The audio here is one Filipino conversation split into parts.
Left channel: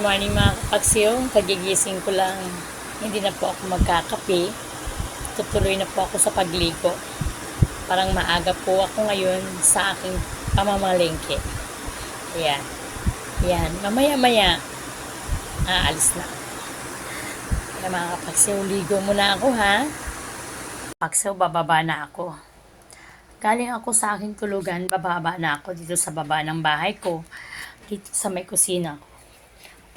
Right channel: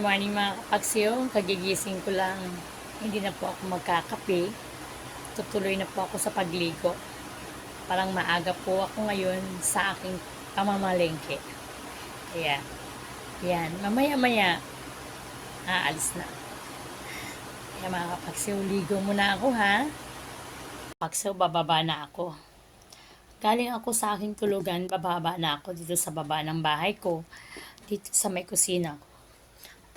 Morning mga kapaksiyo. Kagigising ko lang. Hindi na po ako magkakape. Tutuloy na po ako sa pagligo. Parang maaga po ako ngayon sa aking pamamalengke. Ayan. Ayan. Mamaya-maya, aalis na. Kaya mga kapaksiyo, ligo muna ako ha. Kapaksiyo, bababa na ako. Galing ako sa aking tulugan, bababa na ako dito sa baba ng bahay ko. Dito sa may kusina ko.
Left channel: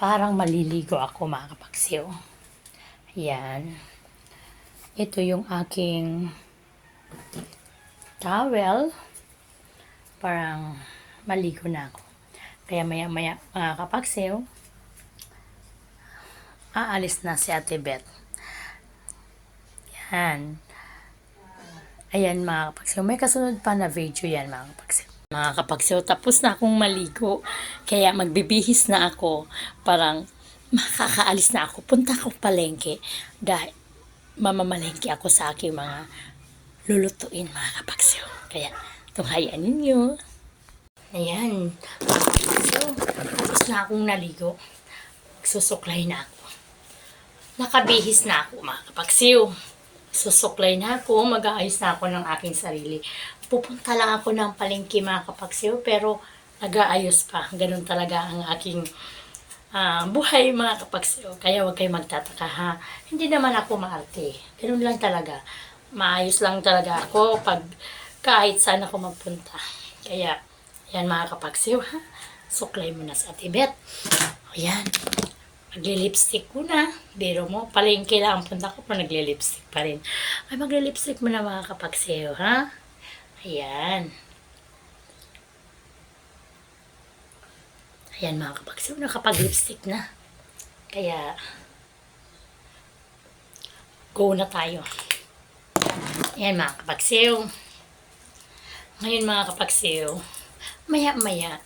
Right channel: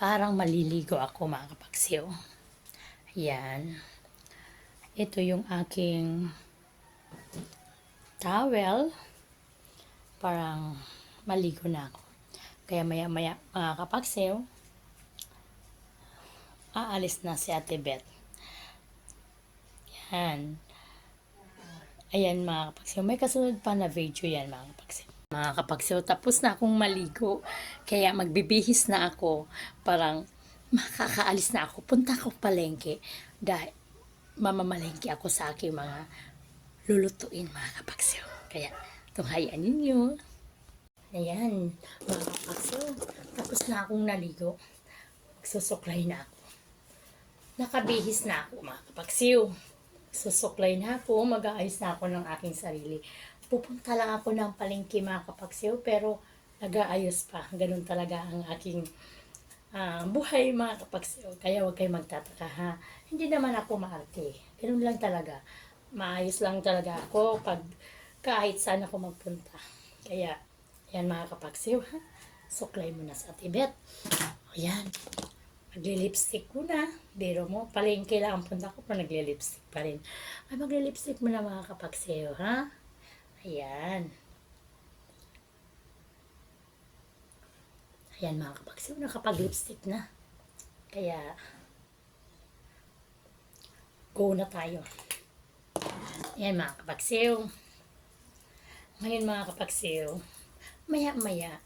Parang maliligo ako mga kapaksiw. Yan. Ito yung aking towel. Parang maligo na ako. Kaya maya maya mga kapaksiw, aalis na si Ate Beth. Yan. Ayan mga kapaksiw. May kasunod pa na video yan mga kapaksiw. Mga kapaksiw, tapos na akong maligo. Kaya magbibihis na ako. Parang makakaalis na ako. Punta ako palengke. Dahil mamamalengke ako sa aking mga lulutuin mga kapaksiw. Kaya tunghayaan ninyo. Ayan. Mga tapos na akong naligo. Magsusuklay na ako. Nakabihis na ako mga kapaksiw susuklay na ako, mag-aayos na ako ng aking sarili. Pupunta lang ako ng palengke mga kapaksiw, pero nag-aayos pa. Ganun talaga ang aking ah, buhay mga kapaksiw. Kaya huwag kayo magtataka ha. Hindi naman ako maarte. Ganun lang talaga. Maayos lang talaga ako pag kahit saan ako magpunta. Kaya, yan mga kapaksiw ha. Suklay mo na sa atibet. Ayan. Magli-lipstick ko na. Biro mo, palengke lang ang punta ko pero nagli-lipstick pa rin. Ay, magli-lipstick mo na mga kapagseyo, ha? Ayan. Ayan mga kapagseyo, nakapag-lipstick na. Kaya, go na tayo. Ayan mga kapagseyo. Ngayon mga kapagseyo, maya-maya,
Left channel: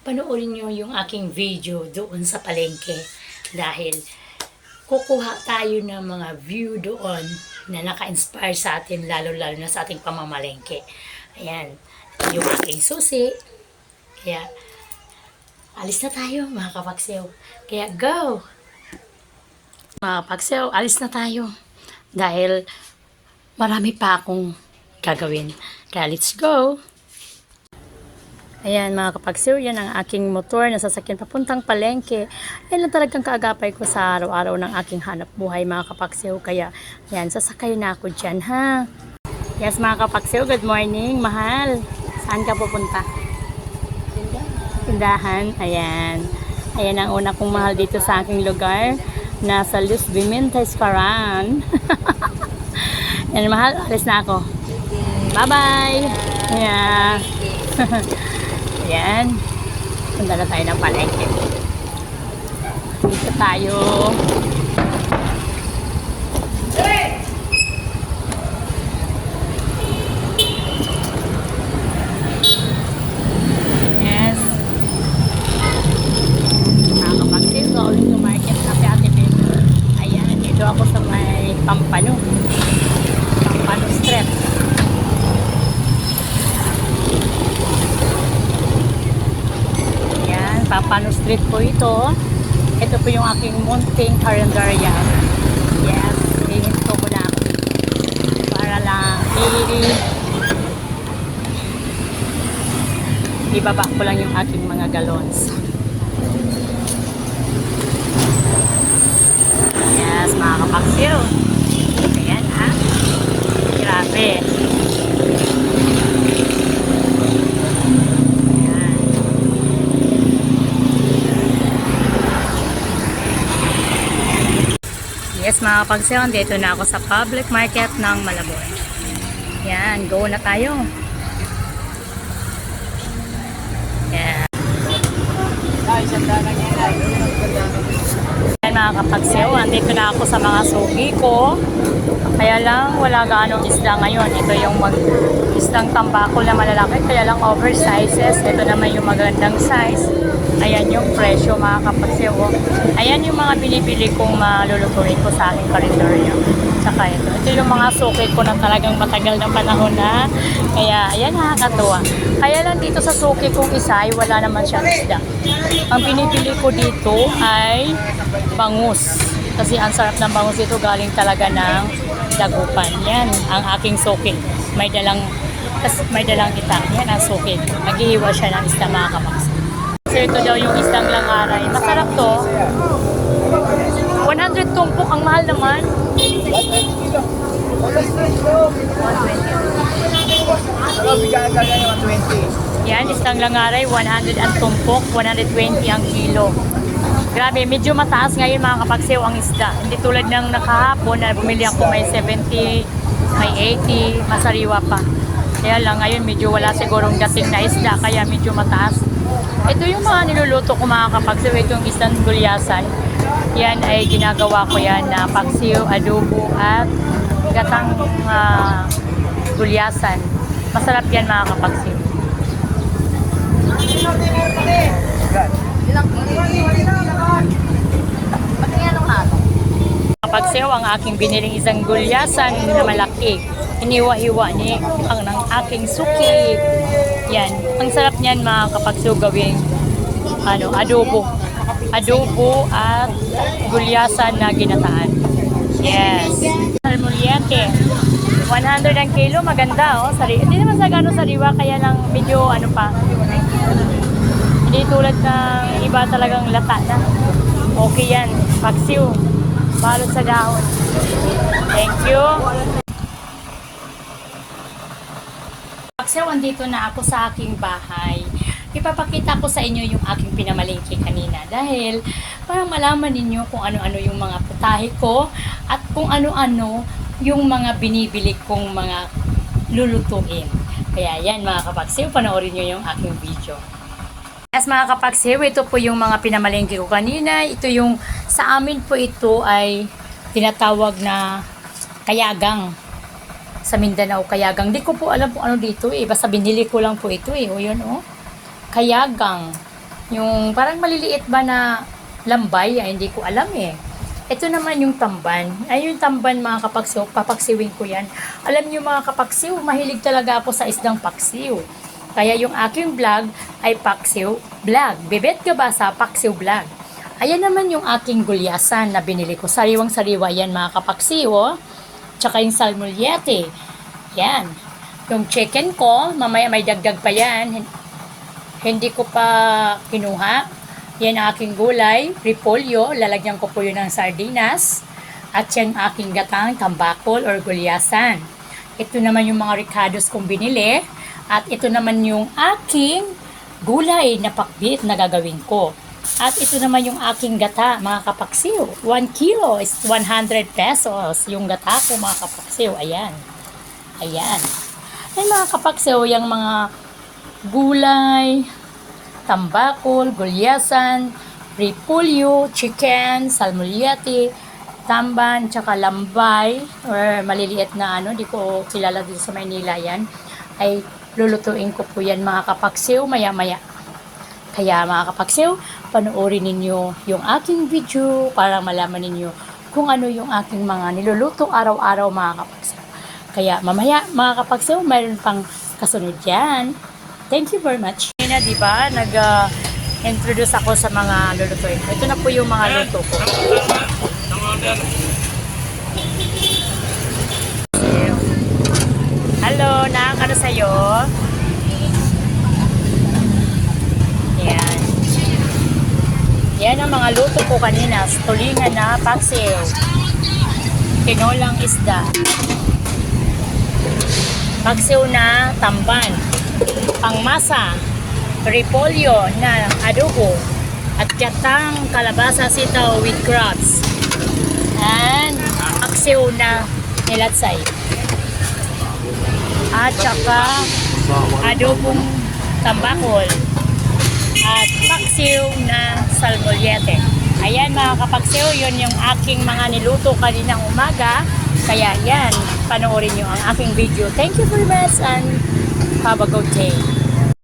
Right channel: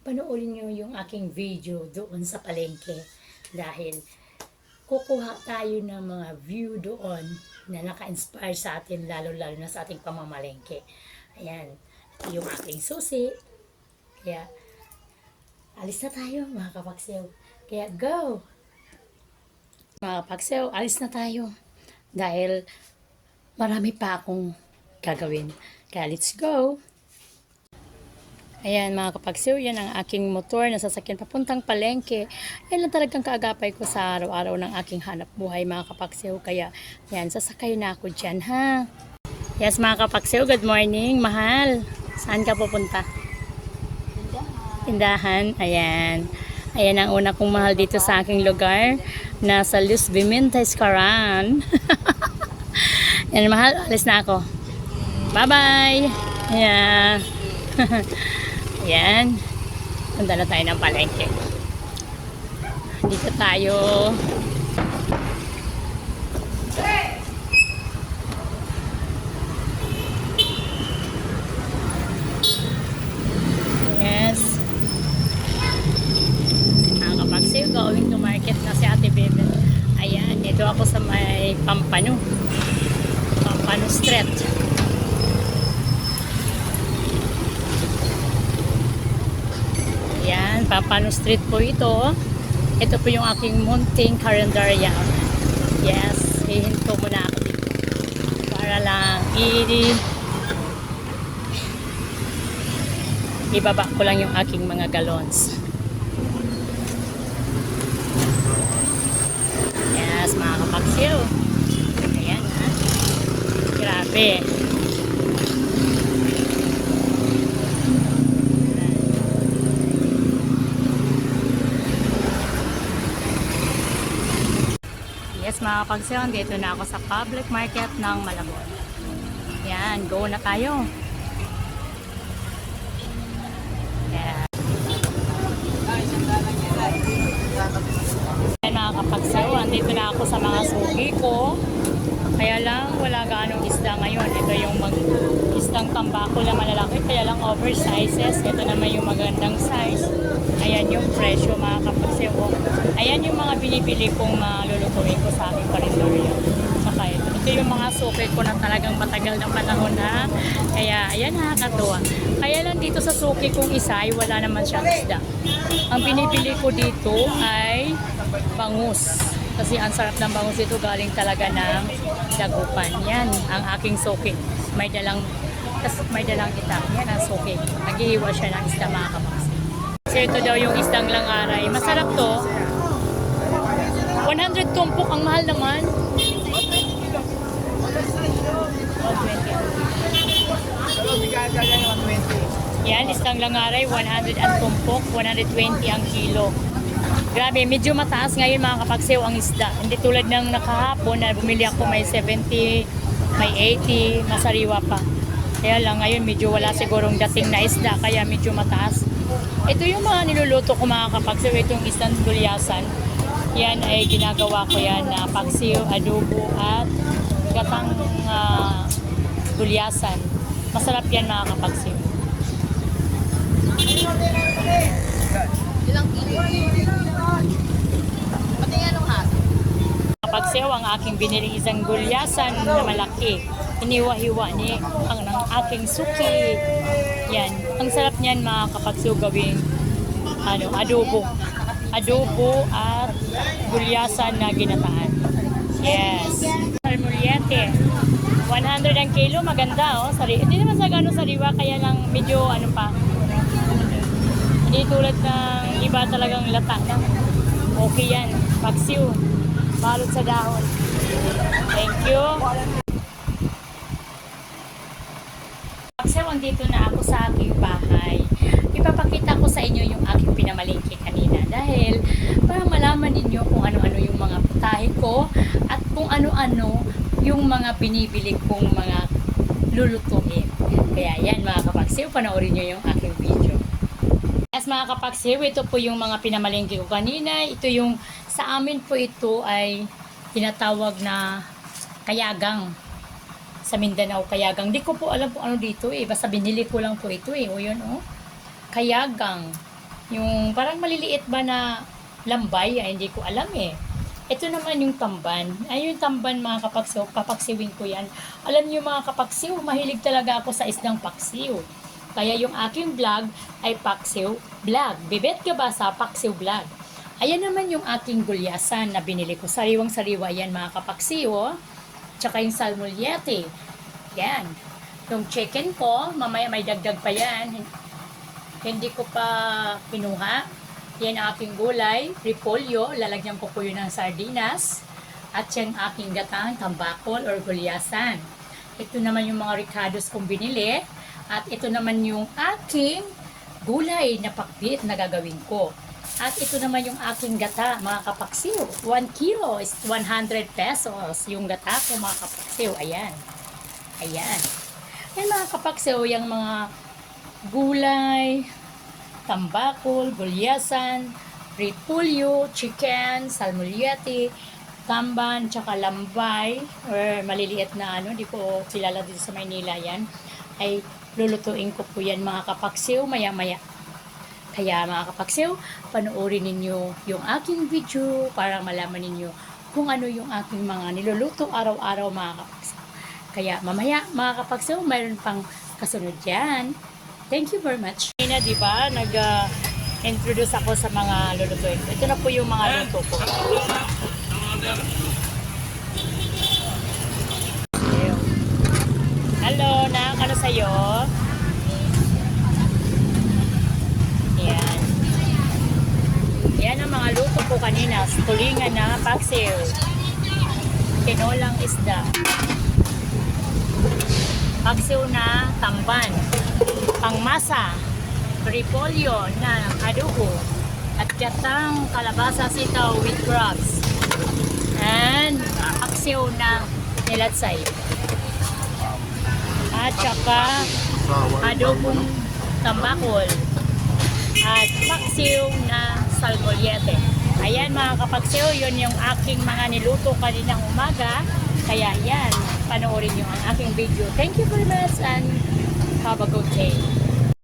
panoorin nyo yung aking video doon sa palengke dahil kukuha tayo ng mga view doon na naka-inspire sa atin lalo-lalo na sa ating pamamalengke. Ayan, yung aking susi. Kaya, alis na tayo mga kapagsew. Kaya, go! Mga kapagsew, alis na tayo. Dahil marami pa akong gagawin. Kaya, let's go! Ayan mga kapagsiw, yan ang aking motor na sasakyan papuntang palengke. Yan lang talagang kaagapay ko sa araw-araw ng aking hanap buhay mga kapagsiw. Kaya yan, sasakay na ako dyan ha. Yes mga kapagsiw, good morning, mahal. Saan ka pupunta? Tindahan. Ayan. Ayan ang una kong mahal dito sa aking lugar. Nasa Luz Bimentes, Caran. yan mahal, alis na ako. Bye-bye! Yeah. Yan. Punta na tayo ng palengke. Dito tayo. Yes. Nakakapagsil ko ulit to market na si Ate Bebe. Ayan, dito ako sa may Pampano. Pampano Street. Yan, Papano Street po ito. Ito po yung aking munting karinderya. Yes, hihinto muna ako dito. Para lang i ibaba ko lang yung aking mga galons. Yes, mga kapaksiyo. Ayan ha. Grabe. Yes mga kapagsayon, dito na ako sa public market ng Malabon. Yan, go na tayo. Yan. Kapagsayon, dito na ako sa mga sugi ko. Kaya lang, wala gaanong isda ngayon. Ito yung mag isdang tambako na malalaki, kaya lang oversizes. Ito naman yung magandang size. Ayan yung presyo mga kapagsayon. Ayan yung mga binibili kong malulutuin ko sa aking kalendaryo. Tsaka ito. Ito yung mga suki ko na talagang matagal na panahon na. Kaya, ayan, nakakatuwa. Kaya lang dito sa suki kong isa ay wala naman siyang isda. Ang pinipili ko dito ay bangus. Kasi ang sarap ng bangus dito galing talaga ng dagupan. Yan, ang aking suki. May dalang, may dalang kita. Yan ang suki. Naghihiwa siya ng isda mga kapaks. So ito daw yung isdang langaray. Masarap to. 100 tumpok, ang mahal naman. 120. Yan, isang langaray, 100 ang tumpok, 120 ang kilo. Grabe, medyo mataas ngayon mga kapagsew ang isda. Hindi tulad ng nakahapon na bumili ako may 70, may 80, masariwa pa. Kaya lang ngayon medyo wala sigurong dating na isda kaya medyo mataas. Ito yung mga niluluto ko mga kapagsew, itong isdang gulyasan. Yan ay ginagawa ko yan na paksiw, adobo at gatang ah, gulyasan. Masarap yan mga kapagsew. Kapag sayo ang aking biniling isang gulyasan na malaki, iniwa-hiwa ni ang ng aking suki. Yan. Ang sarap niyan mga kapag sayo gawing ano, adobo. Adobo at gulyasan na ginataan. Yes. Salmuriente. 100 ang kilo, maganda oh. Sari Hindi naman sa gano'ng sariwa, kaya lang medyo ano pa. Hindi tulad ng iba talagang lata na. Okay yan. Paksiw. Balot sa dahon. Thank you. Paksiw, andito na ako sa aking bahay. Ipapakita ko sa inyo yung aking pinamalingki kanina dahil para malaman ninyo kung ano-ano yung mga putahe ko at kung ano-ano yung mga binibili kong mga lulutuin. Kaya yan mga kapaksiw, panoorin nyo yung aking video. As mga kapagsiw, ito po yung mga pinamalengke ko kanina. Ito yung, sa amin po ito ay tinatawag na kayagang. Sa Mindanao, kayagang. Di ko po alam po ano dito eh. Basta binili ko lang po ito eh. O yun oh. Kayagang. Yung parang maliliit ba na lambay, ay hindi ko alam eh. Ito naman yung tamban. Ay yung tamban mga kapagsiw, papaksiwin ko yan. Alam niyo mga kapagsiw, mahilig talaga ako sa isdang paksiw. Kaya yung aking vlog ay Paksiw Vlog. Bebet ka ba sa Paksiw Vlog? Ayan naman yung aking gulyasan na binili ko. Sariwang sariwa yan mga kapaksiw. Oh. Tsaka yung salmulyete. Yan. Yung chicken ko, mamaya may dagdag pa yan. Hin- Hindi ko pa kinuha. Yan ang aking gulay, repolyo. Lalagyan ko po yun ng sardinas. At yan aking gatang, tambakol or gulyasan. Ito naman yung mga ricados kong binili. At ito naman yung aking gulay na pakbit na gagawin ko. At ito naman yung aking gata, mga kapaksiw. 1 kilo is 100 pesos. Yung gata ko, mga kapaksiw. Ayan. Ayan. Yan mga kapaksiw, yung mga gulay, tambakol, gulyasan, repulyo, chicken, salmulyati, tamban, tsaka lambay, or maliliit na ano, di ko kilala dito sa Maynila yan, ay lulutuin ko po yan mga kapaksiw maya-maya. Kaya mga kapaksiw, panoorin ninyo yung aking video para malaman ninyo kung ano yung aking mga niluluto araw-araw mga kapaksiw. Kaya mamaya mga kapaksiw, mayroon pang kasunod yan. Thank you very much. Kanina, di ba, nag-introduce ako sa mga lulutuin. Ito na po yung mga luto ko. Hello, nak. Ano sa'yo? Yan. Yan ang mga luto ko kanina. Tulingan na paksiw. Tinolang isda. Paksiw na tamban. Pangmasa. Repolyo na adobo. At gatang kalabasa sitaw with crabs. And paksiw na nilatsay at saka adobong tambakol at paksiw na salmolyete. Ayan mga kapaksiw, yun yung aking mga niluto kaninang umaga. Kaya yan, panoorin nyo ang aking video. Thank you very much and have a good day.